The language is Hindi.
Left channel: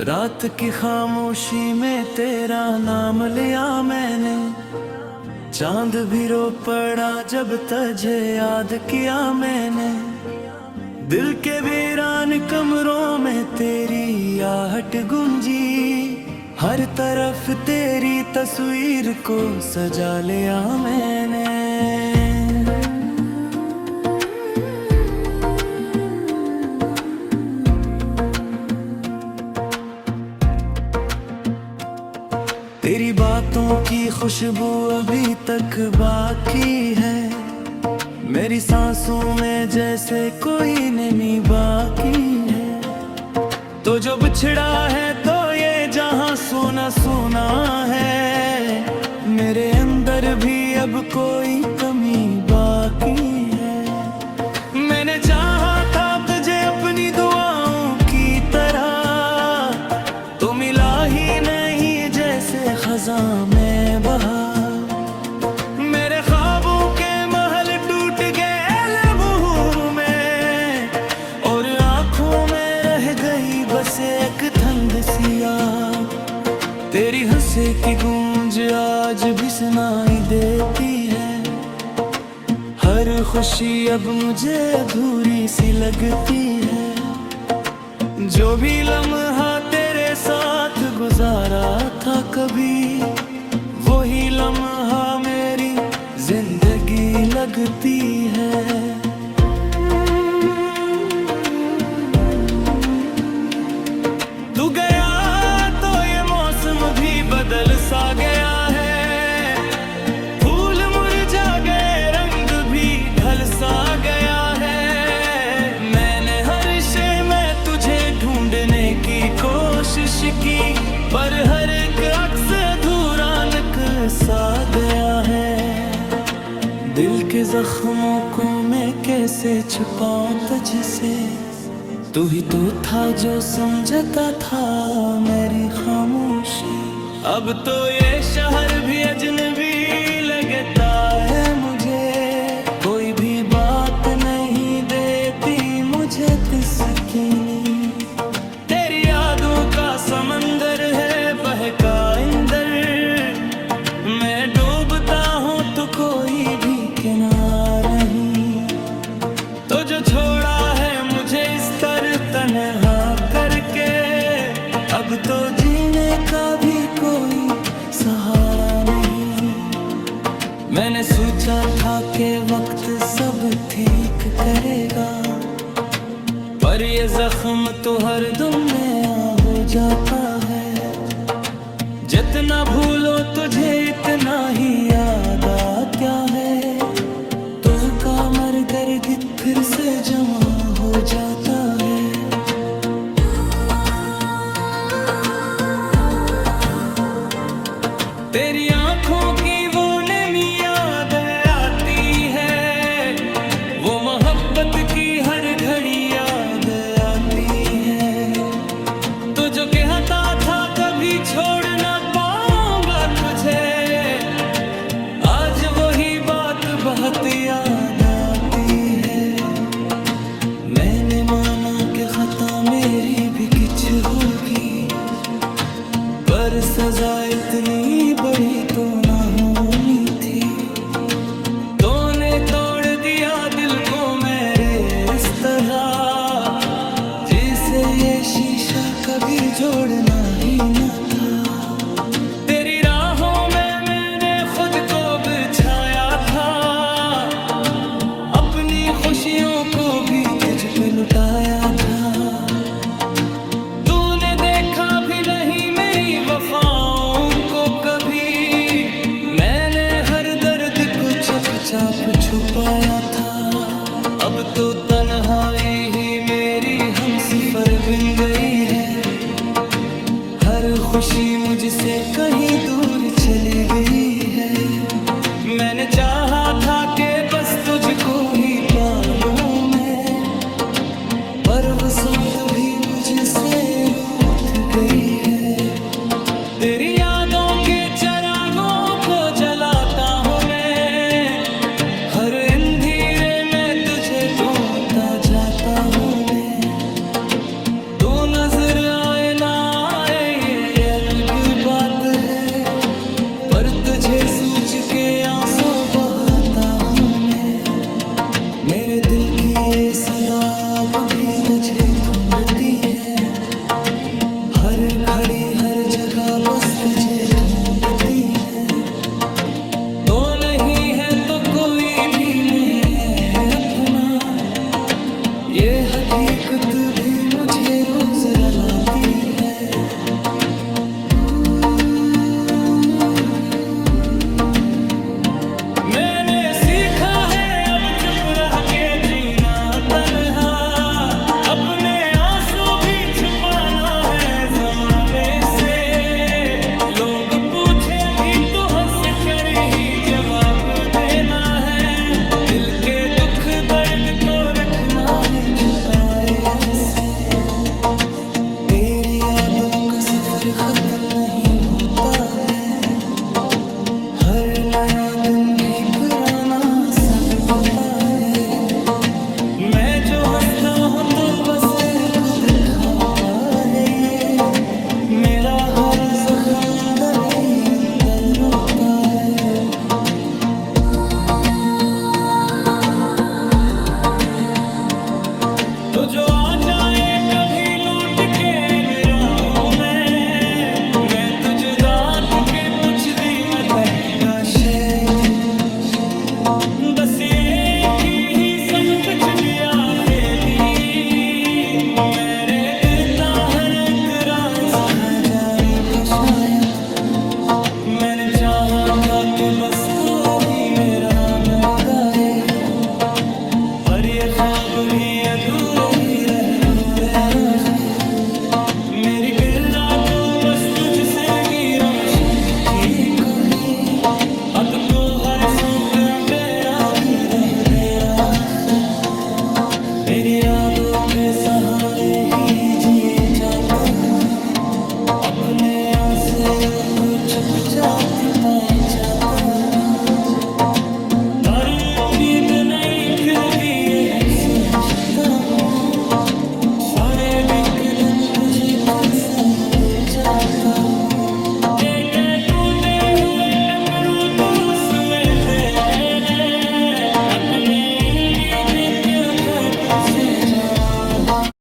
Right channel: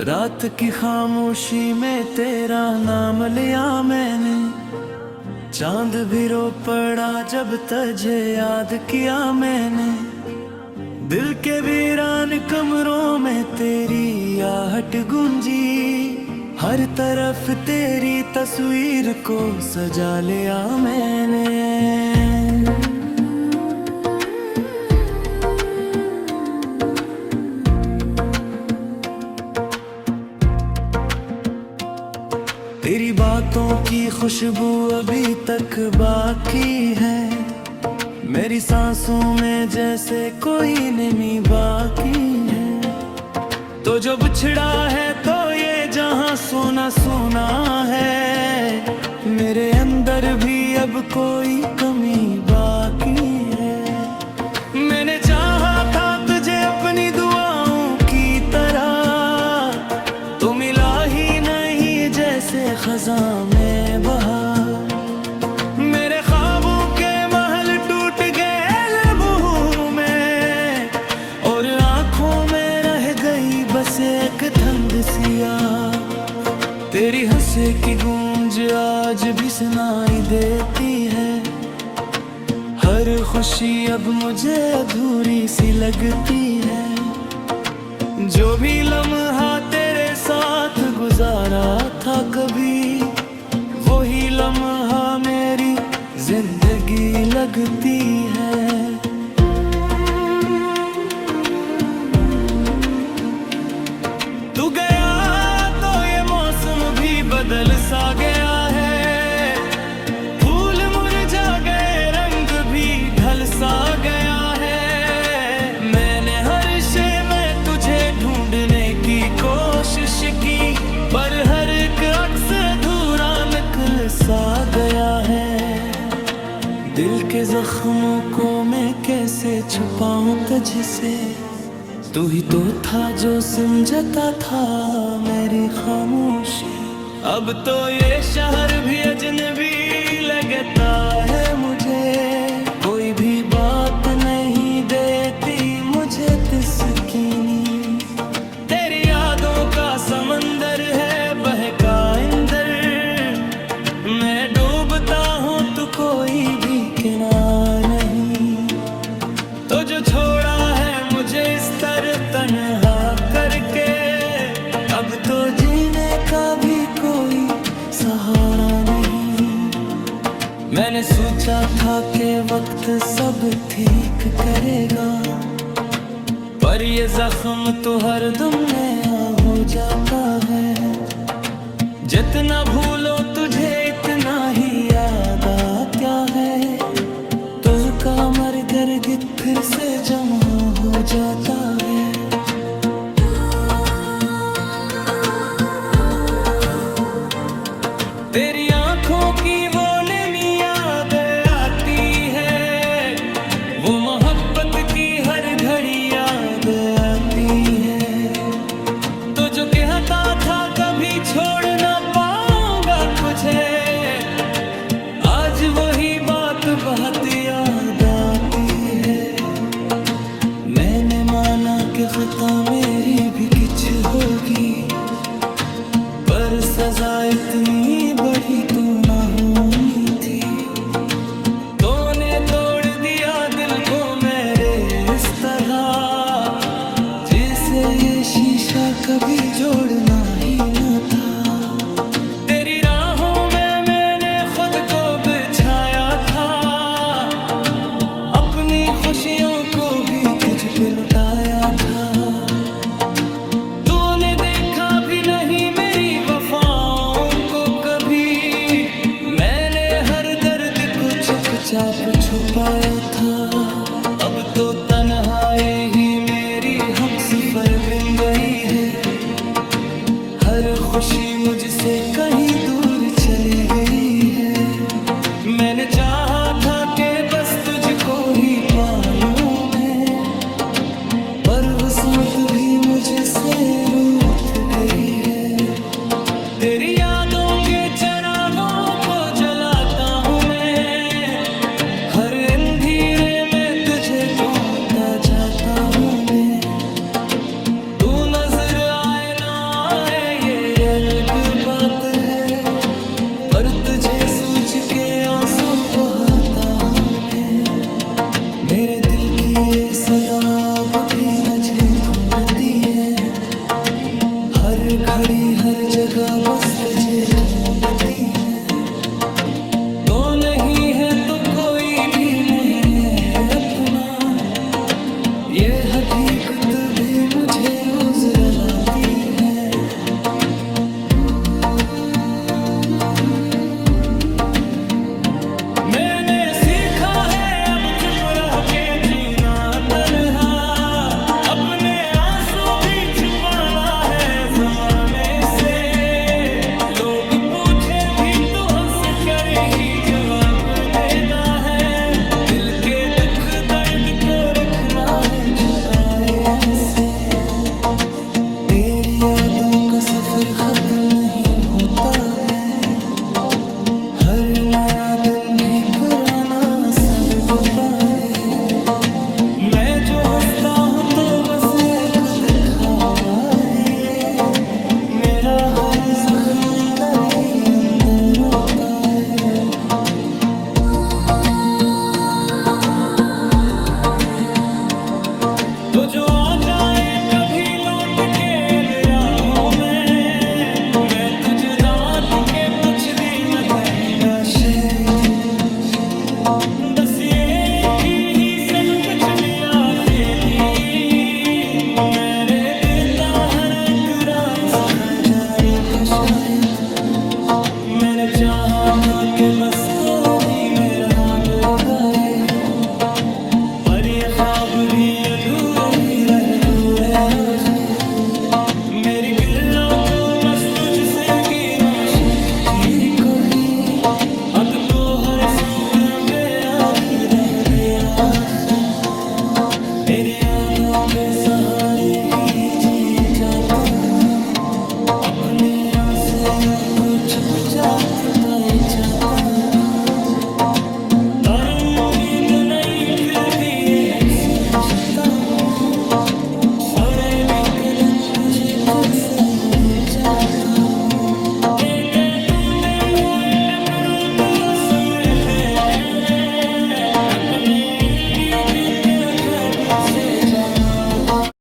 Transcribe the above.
रात की खामोशी में तेरा नाम लिया मैंने, चांद भी रो पड़ा जब तुझे याद किया मैंने। दिल के वीरान कमरों में तेरी आहट गूंजी, हर तरफ तेरी तस्वीर को सजा लिया मैंने। तेरी बातों की खुशबू अभी तक बाकी है, मेरी सांसों में जैसे कोई नमी बाकी है। तो जो बिछड़ा है तो ये जहां सोना सोना है, मेरे अंदर भी अब कोई कमी बाकी है। मैंने चाहा था तुझे अपनी दुआओं की तरह, तो मिला ही नहीं जैसे खज़ां में बहार। मेरे ख्वाबों के महल टूट गए लम्हों में, और आंखों में रह गई बस एक ठंड सी आग। तेरी हंसी की गूंज आज भी सुनाई देती है, हर खुशी अब मुझे अधूरी सी लगती है। जो भी लम्हा तेरे साथ गुजारा था कभी, वही लम्हा मेरी जिंदगी लगती है। तू गया तो ये मौसम भी बदल सा गया है, फूल मुरझा गए रंग भी ढल सा गया है। मैंने हर शय में तुझे ढूंढने की कोशिश की, पर हर एक अक्स अधूरा निकल सा गया है। दिल के जख्मों को मैं कैसे छुपाऊं तुझसे, तू ही तो था जो समझता था मेरी खामोशी। अब तो ये शहर भी अजनबी लगता है मुझे, कोई भी बात नहीं देती मुझे तिस्कीनी। तेरी यादों का समंदर है बहका इंदर, मैं डूबता हूँ तो कोई भी किनारा नहीं। तो जो छोड़ा है मुझे इस तरह तन्हा करके, अब तो जीने का भी कोई सहारा नहीं। मैंने सोचा था कि वक्त सब ठीक करेगा, पर ये जख्म तो हर दम नया हो जाता है। जितना भूलो तुझे इतना ही याद आता है, तुझका मरगित फिर से जमा हो जाता है। तेरी आंखों की वो नमी याद आती है, वो मोहब्बत की हर घड़ी याद आती है। तो जो कहता था कभी छोड़ ना पाऊंगा तुझे, आज वही बात बहुत याद आती है। मैंने माना कि खता मेरी भी कुछ होगी, पर सजा इतनी बड़ी तो ना होनी थी। तूने तोड़ दिया दिल को मेरे इस तरह, जिसे ये शीशा कभी जोड़ना ही न था। तेरी राहों में मैंने खुद को बिछाया था, अपनी खुशियों को भी तुझ पे लुटाया था। तूने देखा भी नहीं मेरी वफाओं को कभी, मैंने हर दर्द को चुपचाप छुपाया था। अब तो तन्हाई ही मेरी हमसफर बन गई है, हर खुशी मुझसे कहीं दूर चली गई है। मैंने चाहा था कि बस तुझको ही पालूं मैं, पर किस्मत भी मुझसे रूठ गई है। तेरी यादों के जाता हूँ मैं। तू नजर आए ना आए ये अलग बात है, पर तुझे सोच के आंसू बहाता हूँ मैं। मेरे दिल की ये सदा अब भी तुझे ढूंढती है, हर घड़ी हर जगह बस तुझे ढूंढती है। तो नहीं है तो कोई भी नहीं है अपना, ये हकीकत भी मुझे रोज रुलाती है। मैंने सीखा है अब चुप रह के जीना तन्हा, अपने आंसू भी छुपाना है जमाने से। लोग पूछे भी तो हंस कर ही जवाब देना है, दिल के दुख दर्द को रखना है छुपाए ऐसे। तेरी यादों का सफर खत्म नहीं होता है, हर नया दिन भी पुराना सा गुजरता है। मैं जो हंसता हूँ तो बस एक दिखावा है ये, मेरा हर जख्म अंदर ही अंदर रोता है। तो जो आ जाए कभी लूट के निराहों में, मैं तुझे दांत के कुछ दी न कहूँगा शेर। दसिए की ही सब कुछ भी आते दी, मैंने देता हर तरह इसका जारी को शायद। मैंने चाहा था कि बस को दी मेरा गाए, पर ये ख्वाब भी अधूरे ही रहे दूरे रहे। मेरी गिल्ला तो बस तुझसे गिरो शक्ति को ही, अब तो हर सुमत बेरा भी रह दे रहा है। मेरी यादों पे सहारे ही जिए जाता हूँ, अपने आंसुओं को चुपचाप पाए जाता हूँ। पर उम्मीद नहीं फिर भी यही सोचता हूँ, सारे दिख दिन तुझे तुझसे मिल जाता हूँ। एक टूटे हुए अगरू तो समेट देने, अपने इंगी के भागों से जवा